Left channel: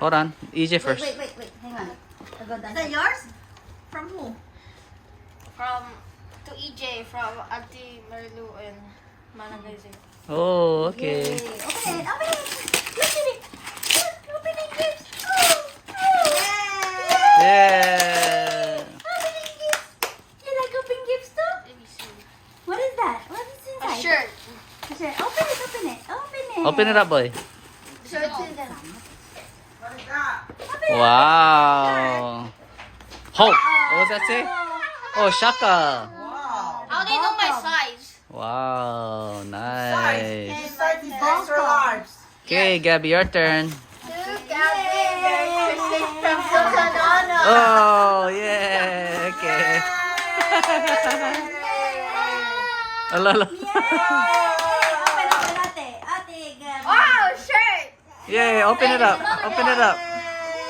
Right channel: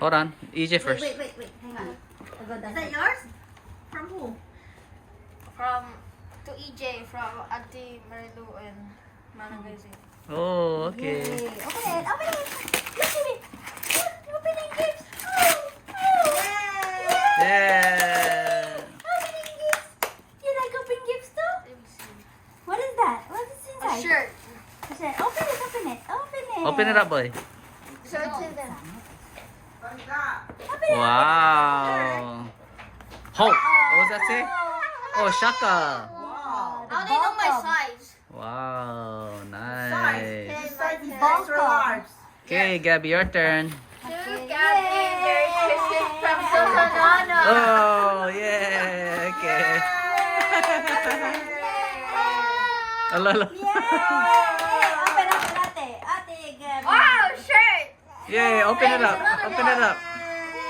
Hold on. EJ first. Wait. Hang on. I'll go down. Is that yours? From who? From to EJ from Auntie Marilu and Manang Gaising. Oh, okay. Yay. Open it. Open it. Open it. Opening gifts. Yay. Yeah. Opening gifts. You like opening gifts too? Let me see. What is that? What is A inside? shirt. A shirt. Open it. Open it. Open it. Open it up, boy. Shirts in them. Wow. Hope. What was that say? Oh, Shaka. Wow. How they know my size? Wow, nice. This size is extra large. Okay, Gabby, your turn. To Gabby, Merry Christmas from Susanana. Oh, yeah. Okay. Alala. Yay. Open it for ate. Ate, Gabby. Wow, shirt. Yay, open it up. Open it up.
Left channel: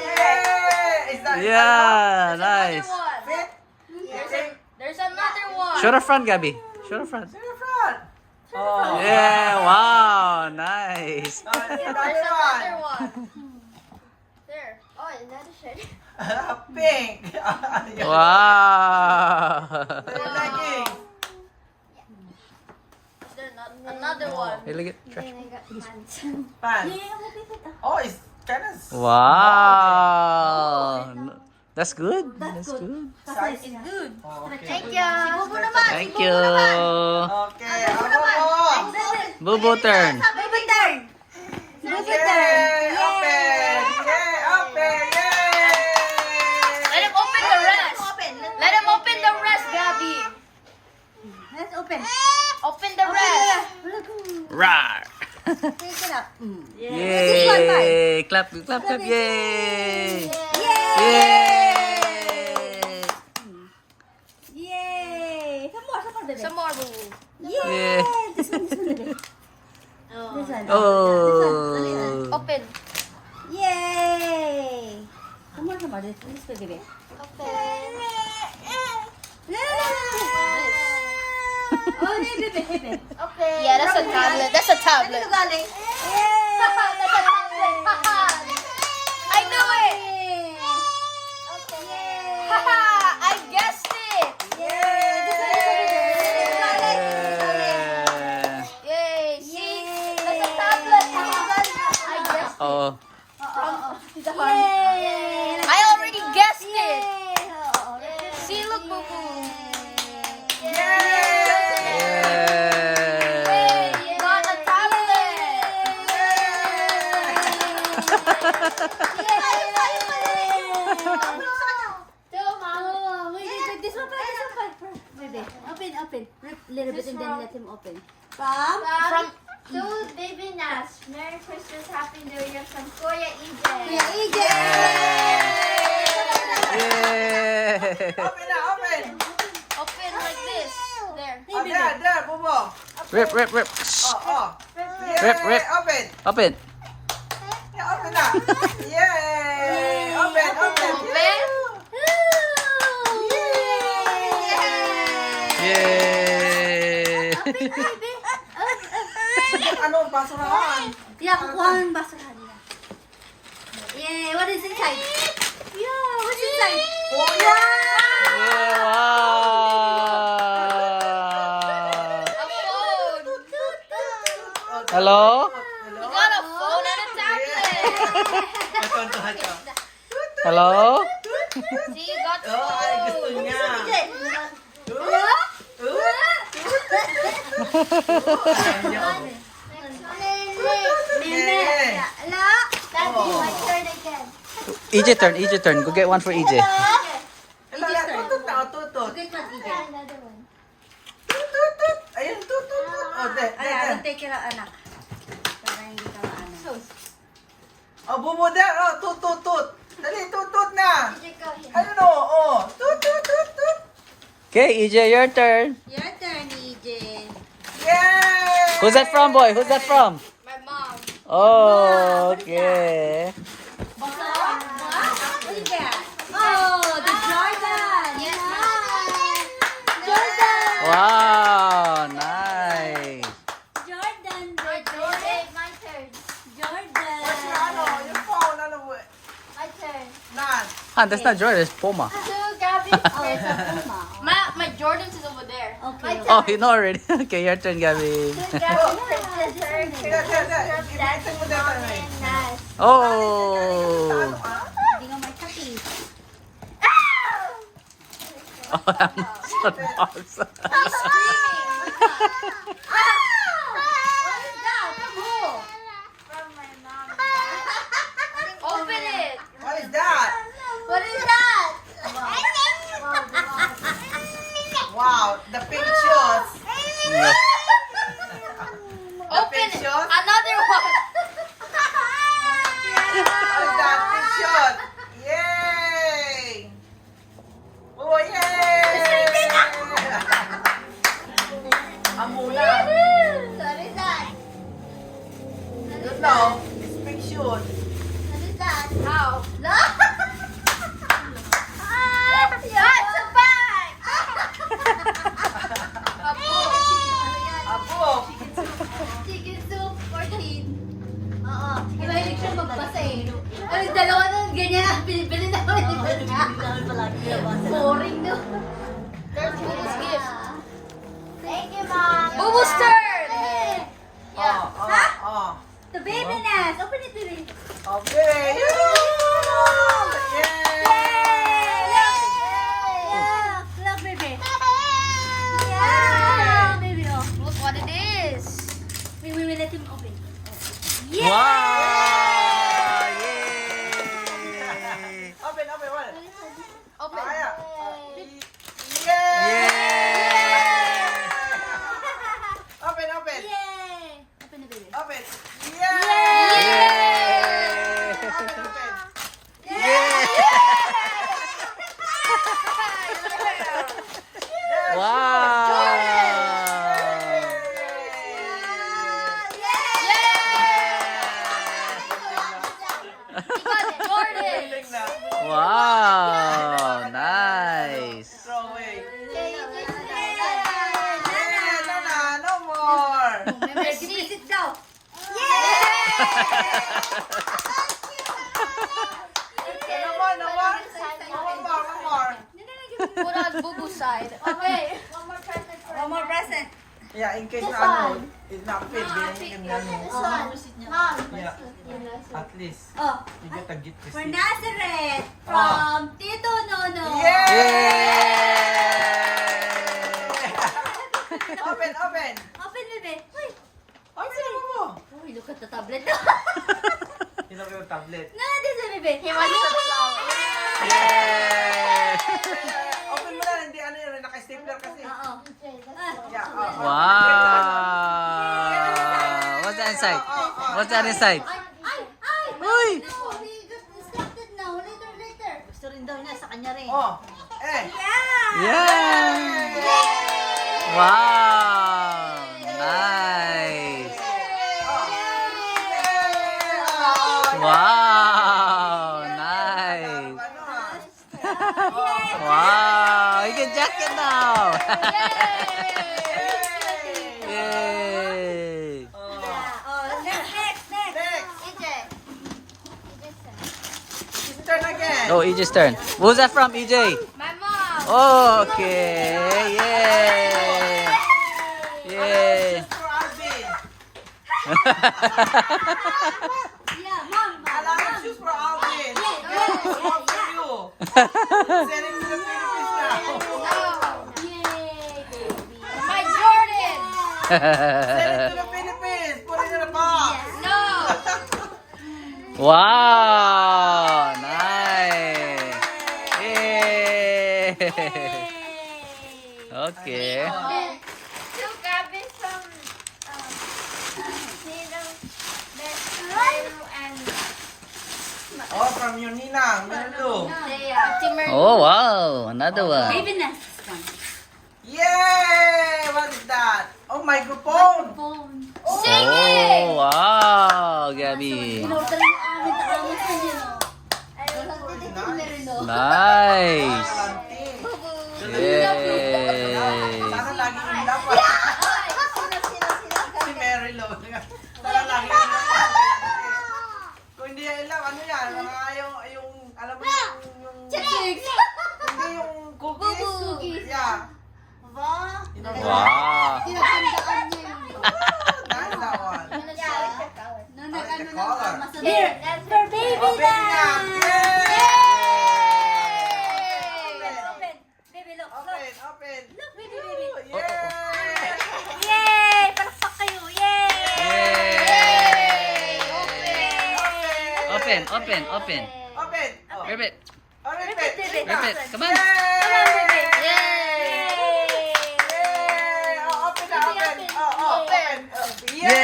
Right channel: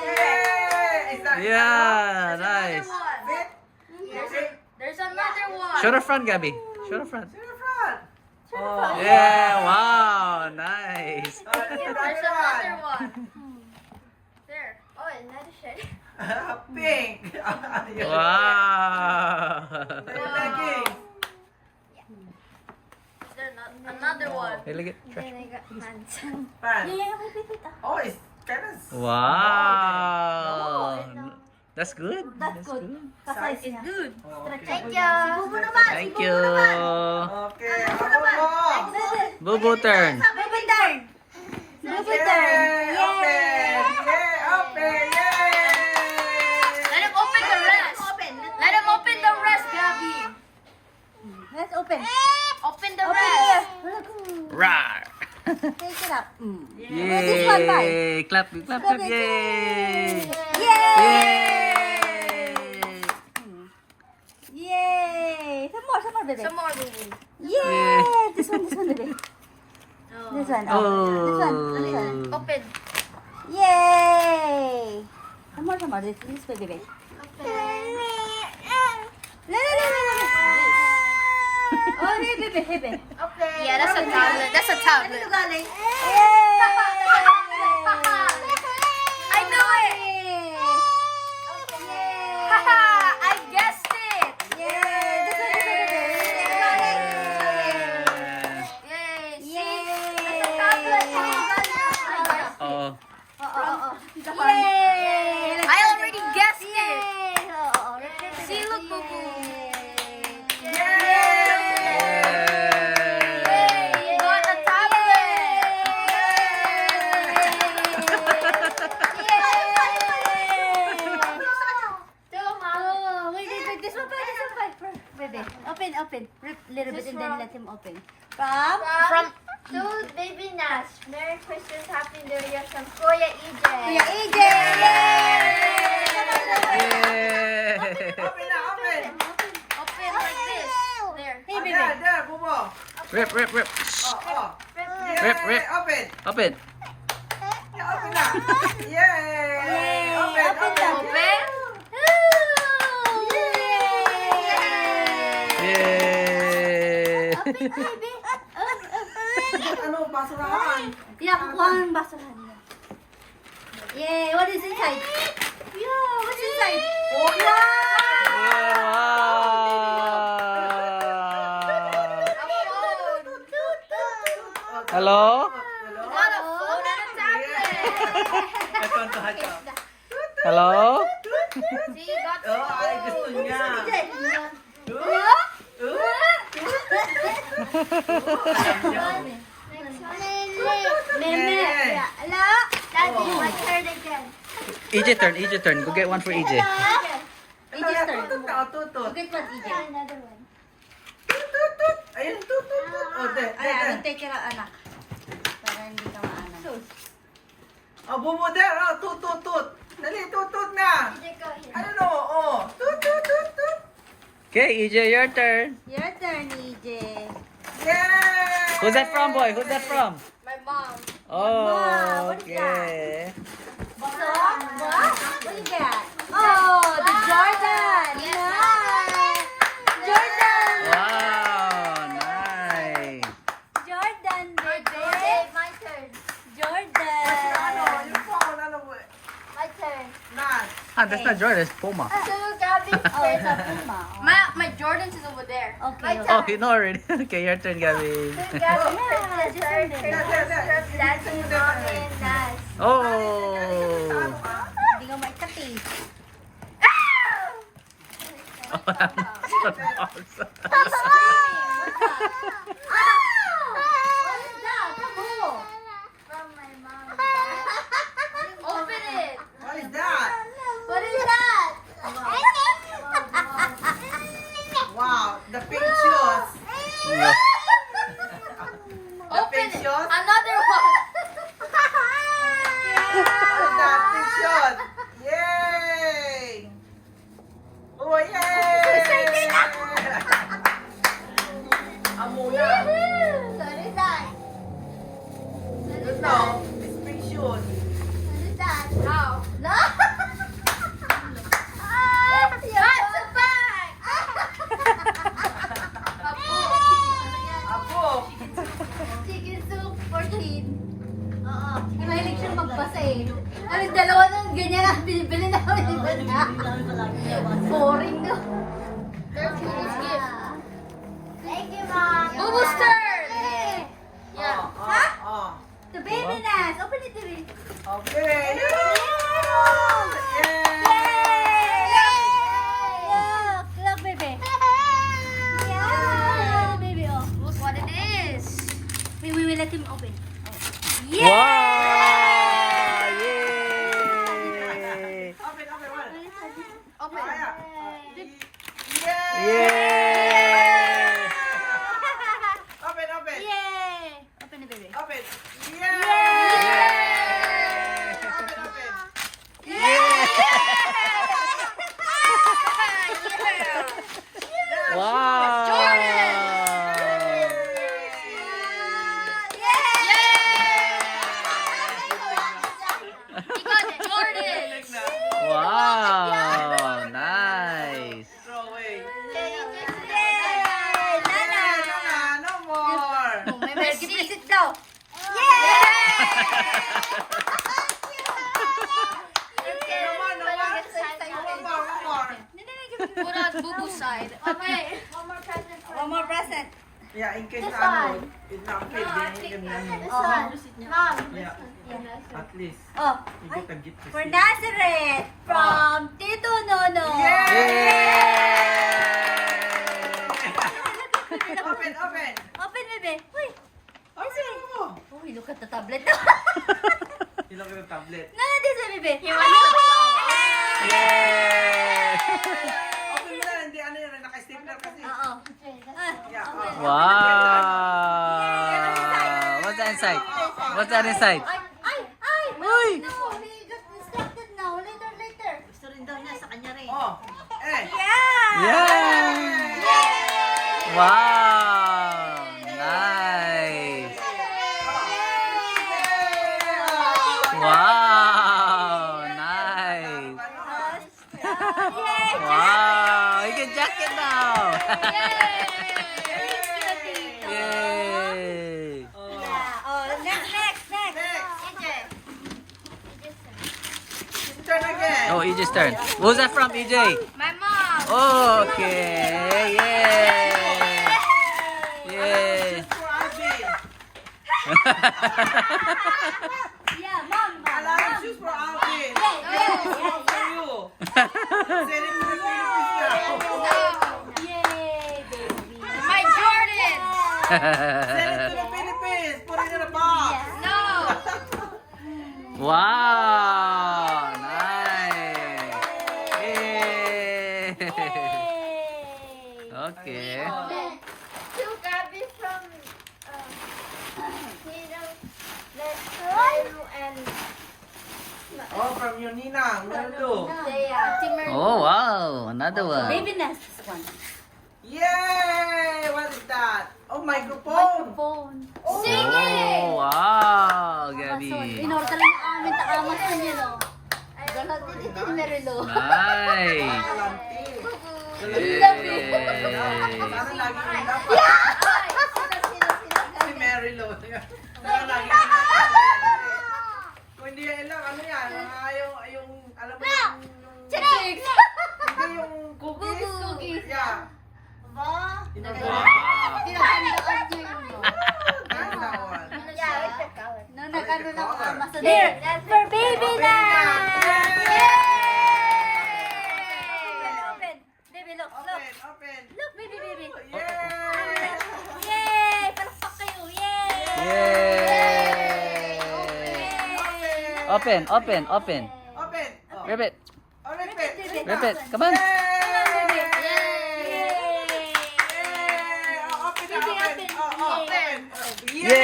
Yay! Is that Yeah, nice. fit? There's another one. Show the front, Gabby. Show the front. To the front. Oh. Yeah, wow, nice. There's another one. There. Oh, another shirt. Pink. Wow. Leggings. Is there another one? Hey, look at trash. Pants. Oh, it's kind of. Wow. That's good. That's That's good. good. Size is good. Okay. Thank you. Thank you. Okay, ako. Bubu turn. Bubu turn. Bubu turn. Yay! Open. Yay! Open. Yay! Let him open the rest. Let him open the rest, Gabby. Let's open. Open the Open rest. it. Rawr. Take it up. This one, bye. Yay. Clap, clap, clap. Yay. Yay! Yay. Yay! Some more, baby. Some more, boo. Yay! This one, baby. This one. Oh. This one. Only one. Open. Yay! Some more. This way, baby. Open. No. Oh, hey, baby. Open. Yeah, that's a tablet. That's a tablet. Yay! I knew it. Haha, I guessed it. Yay. See? That's a tablet. I guessed it. Oh. Yay! I already guessed it. Yay! See, look, boo boo. Yeah. You got a tablet. This one, baby. Open. Rip little bit and then let him open. From To Baby Nash, Merry Christmas, Happy New Year from Kuya EJ. EJ. Yay. Open na, open. Open like this. There. Oh, there, Bubo. Rip. Oh. Rip. Yay! Open. Open. Yeah, open na. Yay! Open. Open. Yay. Ano, basurahan? Yeah, kukuha ng basurahan niya. Yay! What is inside? Yeah, what's inside? Oh, Yeah, wow. A phone. Hello? You got a phone and a tablet. Hello? See, you got the Oh, ay, gusto phone. niya. Hello? Nene. Hello? Daddy, my turn again. EJ turn. Go get one for EJ. Tutut na, tutut. Okay, class EJ. Another one. Tutut. Ayun, tutut. Oh, there. Ayan, don't take care of anak. Para hindi ka maano. Oh, Bubo there. Oh, tutut. Dali, tutut na. You go here. Ayun, oh. Tutut. Okay, EJ, your turn. Your turn, EJ. Yay! Who's that from, boy? Who's that from? My mom. Oh, okay. Look at that. Oh, the Jordan. Yes, Jordan. Wow, nice. Jordan, baby. Okay, my turn. Jordan. Ano, yung phone, ano, Ah, that's not Jordan, it's Puma. So Gabby's first. Puma. My Jordan's is over there. Okay. Oh, you know already. Okay, your turn, Gabby. Ibigay mo na tayo. Oh! Hindi nga maitaki. Oh, I'm so awesome. Open it. What is that? What is that? Wow, the pink shoes. No. The Open pink it. shoes. Another one. What is that? Pink shoes. Yay! Oh, yay! Amula. What is that? No, it's pink shoes. What is that? How? No! That's a bag. Abo. Chicken soup 14. Oo. Ay, mahilig siya magbasa eh. Ay, dalawa na ganyan ang binibili namin. Boring no? There's Bubu's gift. Thank you, Mom. Bubu's turn. Yeah. Huh? Oh. The baby nest. Open it to me. Okay. Look, baby. Yeah, baby. Oh. Look what it is. We will let him open. Wow! Yay! Open, open, open. Open. Kaya. Yay! Open, open. Yay! Open the baby. Open. Yay! Open, open. Yay! Wow! He got Jordan. Wow! Nice! Throw away. Yay! Nana! No more. May gift daw. One more. Put on Bubu's side. Okay. One more present. Yeah, in case This ano, one. it not fit, ganyan ganyan. This one. Mom. Yeah, at least. Oh, You get a gift for receipt. Nazareth from Tito Nono. Yay! Yay! Open, open. Open, baby. Uy. Open mo. Uy, look at the tablet. Ito ko yung tablet. No, this is baby. He wants to belong. Yay! Open mo na, hindi ano yun, naka-stapler kasi. Oo. Yeah, Wow! What's that inside? What's that inside? Ay! Uy! No, we got distracted now. Later. Gusto rin daw niya sa kanya rin. Oh, eh. Yeah! Yeah! Wow! Nice! Wow! Nice! Wow! You can jacket now! Yay! Yeah. Oh, next. His turn again. Oh, EJ's turn. Who's that from, EJ? My mom. Okay! Yay! Yay! For Alvin. Yeah, Mom. Alam mo, shoes for Alvin. Yeah. What for you? Send him to the Philippines now. Yay, baby. My Jordan. Send him to the Philippines. Put it in a box. No. Wow! Nice! Yay! Okay. So Gabby from Tino, Meru, and Oh, from your Ninang. Minulu. Timur. Oh, wow! Another one. Baby nest one. Yay! What is that? Oh, microphone. Phone. Sing it. Oh, wow! Gabby. Inorder lang namin takamas sa niyo, no? Ay, Merlo. Nice! Kalante. Yay! Sana lagi yung dapat. Si Mary Lou. Sana lagi yung dapat. Kung hindi yan lang, ano yan? Mga yung alam mo yung Wow. Pinagtandaan niya yun. That's that one. Yeah, I like the color. No, nag-ano the ng color. masa Here, that's for baby Open na. Open. Baby, look, look. Open, open. Look, baby, baby. Yay! Yay! Palakpak kayo. Yay! Yay! Open, open, open. Open. Oh. Ribbit, Oh, Repeat, repeat. baby. ribbit. Come on. Come on, baby. Yay! Oh, open na, Baby, open. open. Oh, open. Yay!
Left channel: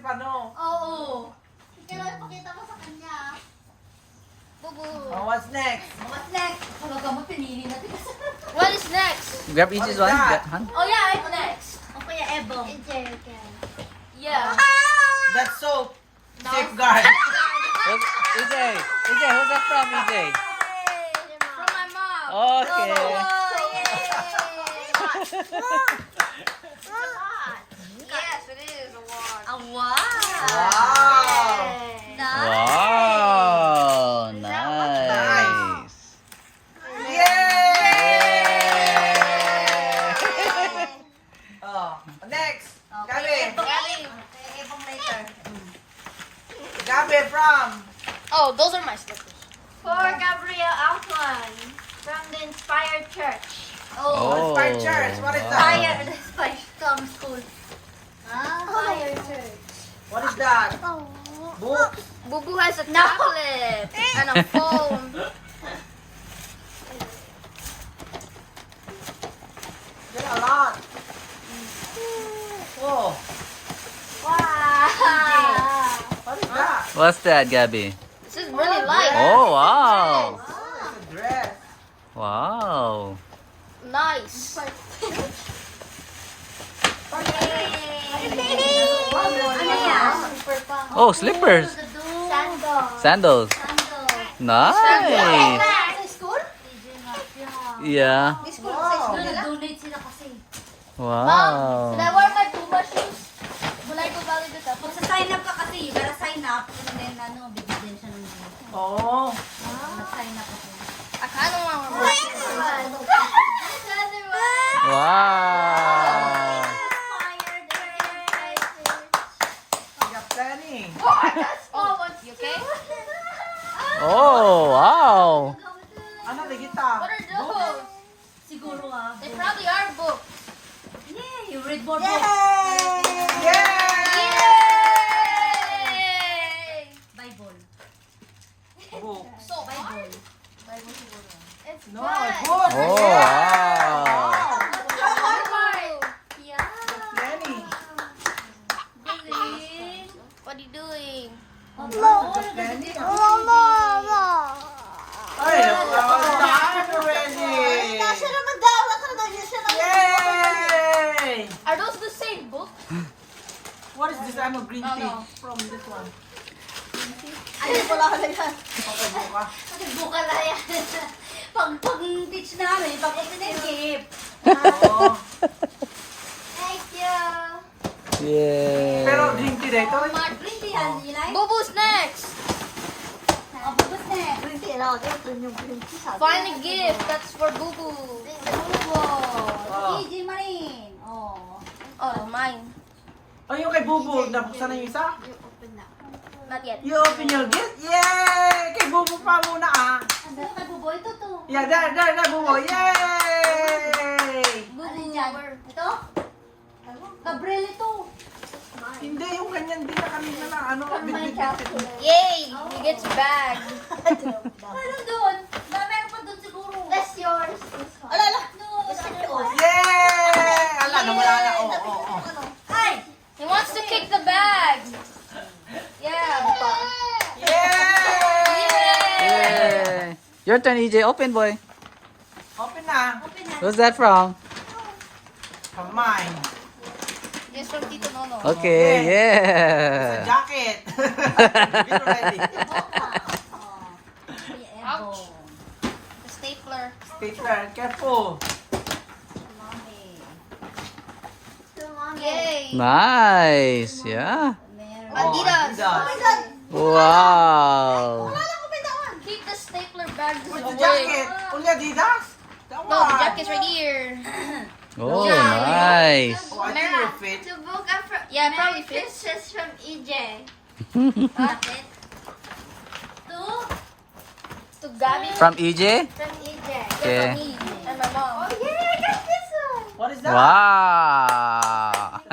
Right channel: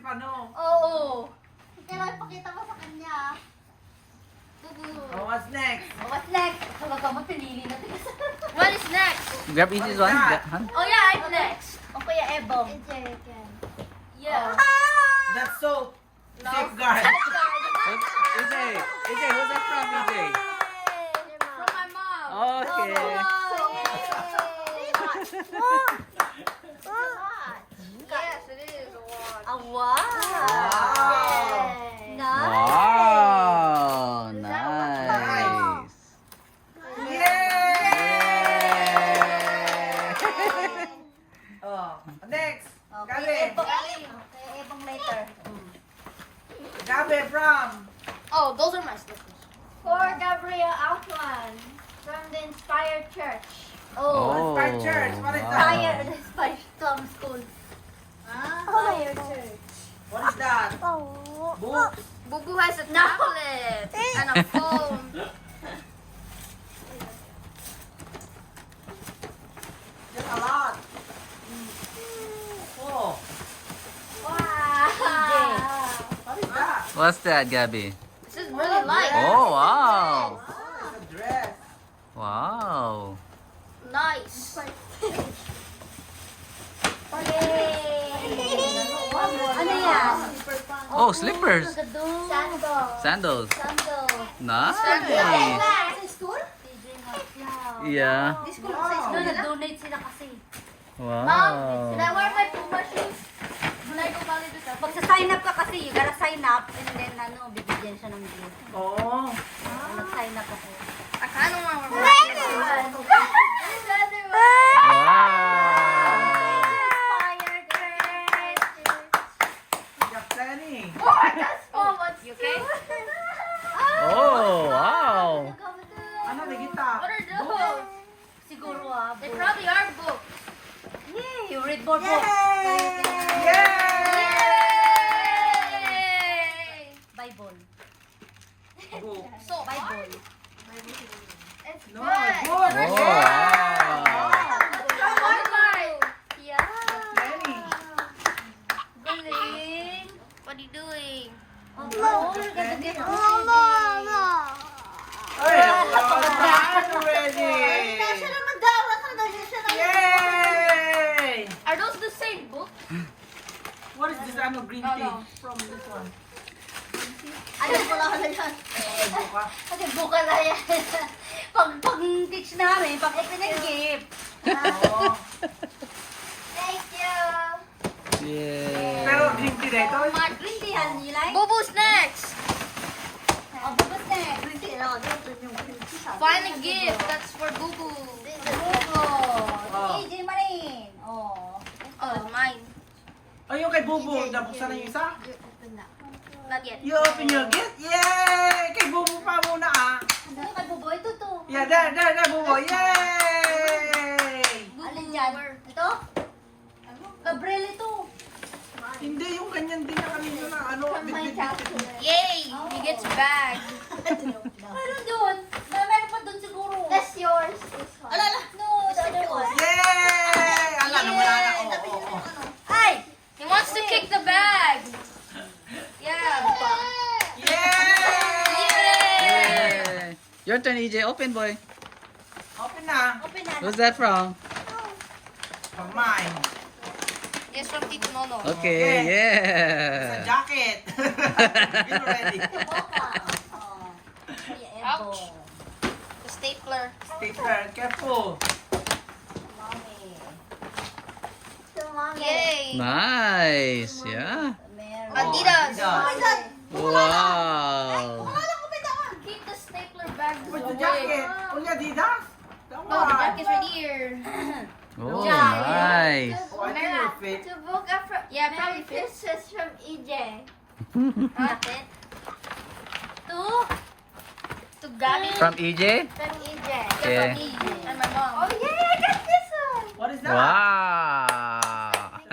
Oo. Kailangan ipakita mo sa kanya. Bubu. What's next? What's next? Talaga mo, pinili natin. What is next? Grab each one. Han? Oh yeah, I'm next. O Kuya Ebong. Yeah. That's soap. Safeguard. EJ, who's that from, EJ? From my mom. Okay. Yes, it is a watch. Ah, wow. Wow. Nice. Wow, nice. Yay! Oh, next. Okay, Gabi. Kuya Ebong later. Gabi from. Oh, those are my slippers. For Gabriel Altuan from the Inspired Church. Oh, Inspired Church. What is wow. that? Fire, the Spice Tom School. Inspired Church. What is that? Book. Bubu has a tablet and a phone. Get a lot. Oh, Wow. what is that? What's that, Gabby? This is really light. Oh, wow. It's a dress. Wow. Nice. Ano yan? Oh, slippers. Sandal. Sandals. Nice. Sa school? Yeah. Sa school, nag-donate sila kasi. Wow. Can I wear my Puma shoes? Mulay ko balik ito. Pag sa sign up ka kasi, you gotta sign up and then bibigyan siya ng gift. Oh. Nag-sign up ako. I kind of want to Wow. I got plenty. You okay? Oh, wow. Ano na kita? What are those? Siguro They probably are books. Yeah, you read more Yay! books. Yay! Bible. Book. So Bible. It's No, good. good. Oh, wow. Yeah. Plenty. Galing. What are you doing? Oh, nagaganda. Ay, napakaganda already. naman daw. Yay! Are those the same book? What is this? I'm a green tea from this one. Ano wala ka na yan? Kasi buka na yan. Pag-teach namin, pag ito na yung gift. Oh. Thank you. Pero Yeah. green tea rin. Oh, mga green tea yan, you like? Bubu's next. Oh, bubos na eh. Green tea. Find a gift. That's for Bubu. Oh, EJ Marin. Oh. Oh, mine. Oh, yung kay Bubu, nabuksan na yung isa? Open na. Not yet. You open your gift? Yay! Kay Bubu pa muna ah. Ano kay Bubo? Ito to. Yeah, there, Bubu. Yay! Alin dyan? Ito? Gabriel ito. Hindi, yung ganyan din na kanina na ano. Yay! He gets bag. Meron doon. Meron pa doon siguro. That's yours. Alala. No, sa doon. Yay! Ala, nawala na. Oo. Ay! He wants to kick the bag. Yeah. Yay! Yay. Your turn, EJ. Open, boy. Open na. Open na. Who's that from? From mine. Yes, from Tito Nono. Okay, It's a yeah. jacket. Get ready. Ouch. The stapler. Peter, careful. Yay. Nice, yeah. Adidas. Adidas. Wow. Keep the stapler bag Where's the away. jacket? Only Adidas? That No, the one. jacket's right here. Oh, nice. Oh, I think it fit. To book a Yeah, Merry probably fits. Christmas from EJ. Bakit? To Gabby. From EJ? From EJ. Okay. From me and my mom. Oh yeah, I got this one. What is that? Wow.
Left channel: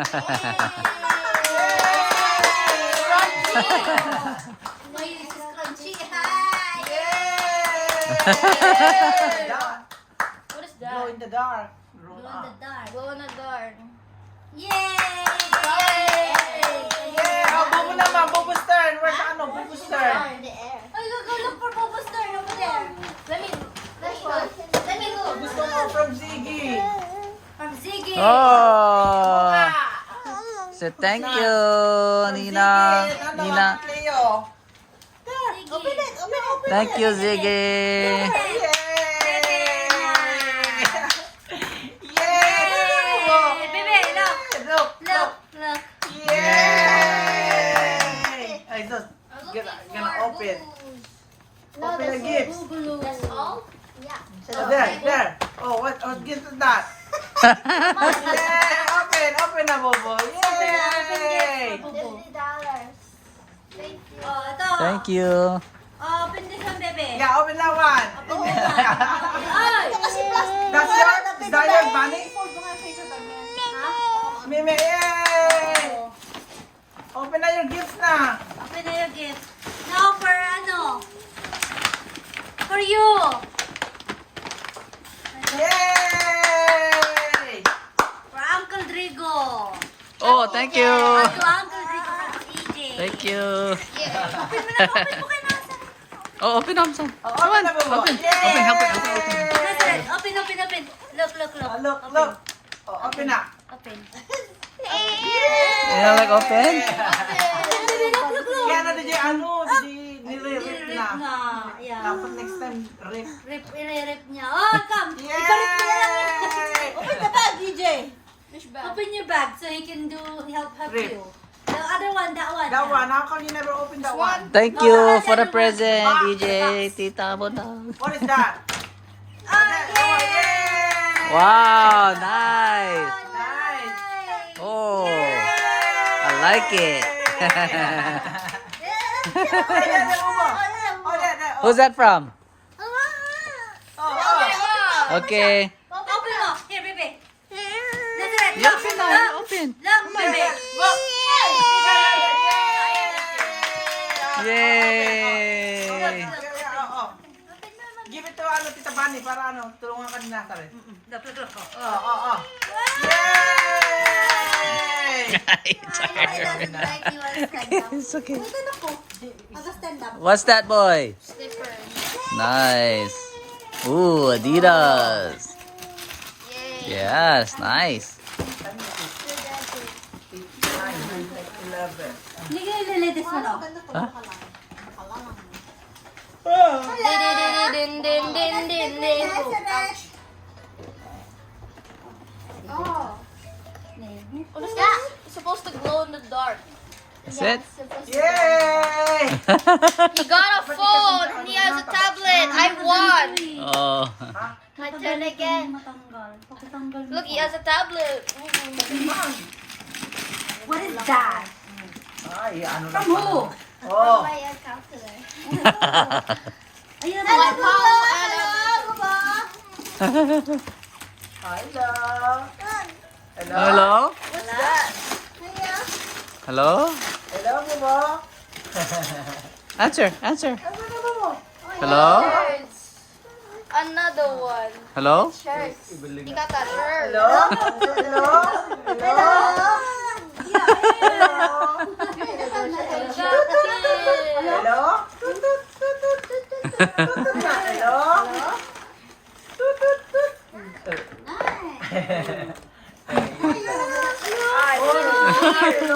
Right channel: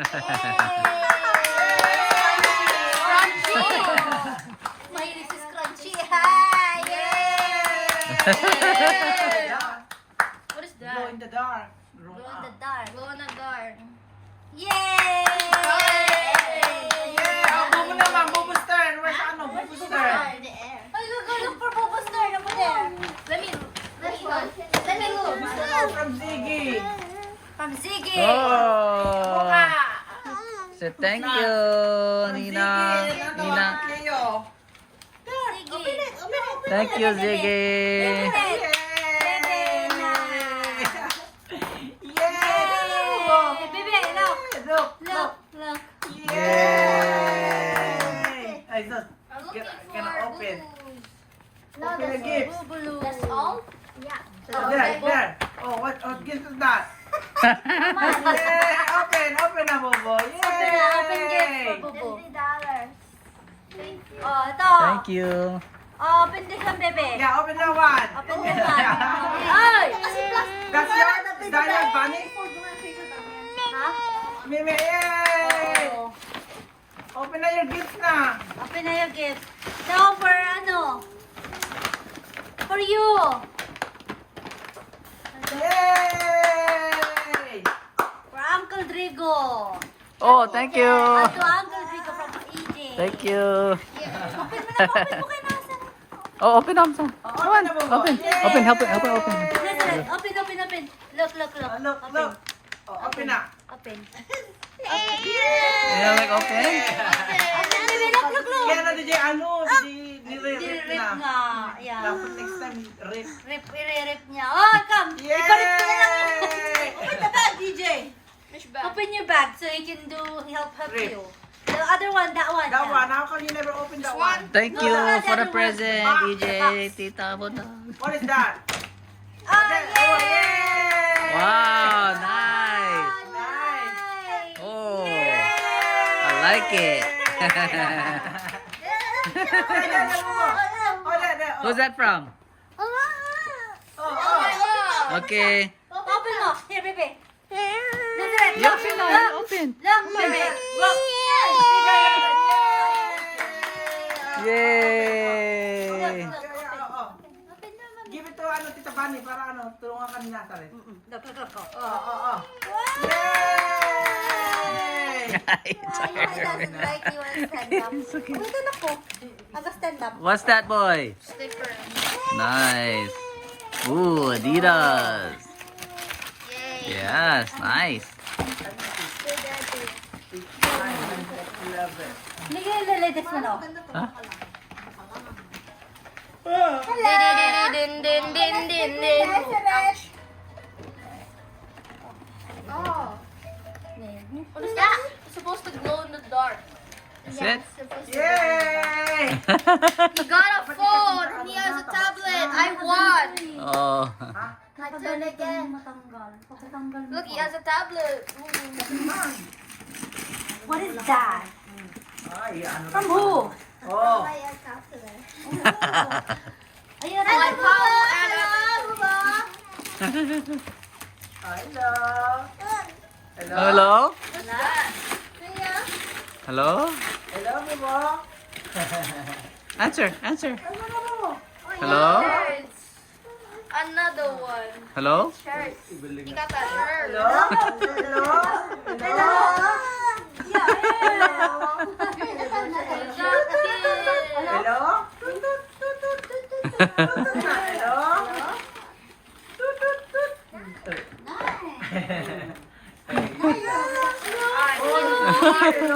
My this is crunchy. Hi. Yeah. What is Glow that? in the dark. Glow in the dark. Glow in the dark. Yay! Yeah! Oh, Bubu naman! Bubu Stern! Where's ano? Bubu Stern? Ay, look for Bobo Star over there. Let me look. Let me look. Gusto ko from Ziggy. From Ziggy. Oh. Say thank you, Nina. Ziggy. Nina. Cleo. Ziggy. Open it. Open it. Thank you, Ziggy. Yay! Hey, baby, look. Look! Look. Look. Yay! Ay, sus. I'm looking Gonna for open. boo-boos. Open the gifts. Boogaloo. That's all? There. Oh, what gift is that? Yeah! Open na, Bobo. Yay! Open gift for Bobo. Oh, ito. Thank you. Oh, open this one, baby. Yeah, open na one. Open this one. Ay! That's yours? Is that yours, Bunny? Ha? Mimi, yay! Oh. Open na your gifts na. Open na yung gift. Now for ano? For you. Yay! For Uncle Drigo. Oh, thank you. To Uncle Drigo from EJ. Thank you. Open mo na, open mo kay Masa. Oh, open up some. Come on. Open. Open. Help it. Open. Open, open. Look. Oh, look. Oh, open na. Open. You know, like open? Baby, look. Kaya na DJ, nire-rip Rip na. nga. Yeah. Dapat next time, rip. Rip niya. Oh, come. Ipalit mo na lang. Yay! Open the bag, DJ. Which bag? Open your bag so he can help Rip. you. The other one, that one. That one, how come you never open that one? Thank you for the present, DJ. Tita Bonang. What is that? Oh, Yay! Wow, nice. Nice. Oh, I like it. Who's that from? Okay. Open mo. Here, baby. Nazareth, You open now. You open. Look, baby. Yay. Give it to Tita Bunny para tulungan ka ni Nazareth. Look. Oh. Yay! It's okay. Stand up. What's that, boy? Slipper. Nice. Ooh, Adidas. Yay. Yes, nice. Hindi ka nililitis mo, no? Huh? Din, din, din, din, din. Oh. What is that? It's supposed to glow in the dark. That's it. Yay! He got a phone. He has a tablet. I won. Oh. My turn again. Matanggal. Look, he has a tablet. What is that? Ay, ano From who? Oh. Ayun My Paul and Hello? what's that? Hello? Hello, Bobo. Answer. Hello? Shirts. Another one. Hello? Shirts. He got that shirt. Hello? Hello? Oh,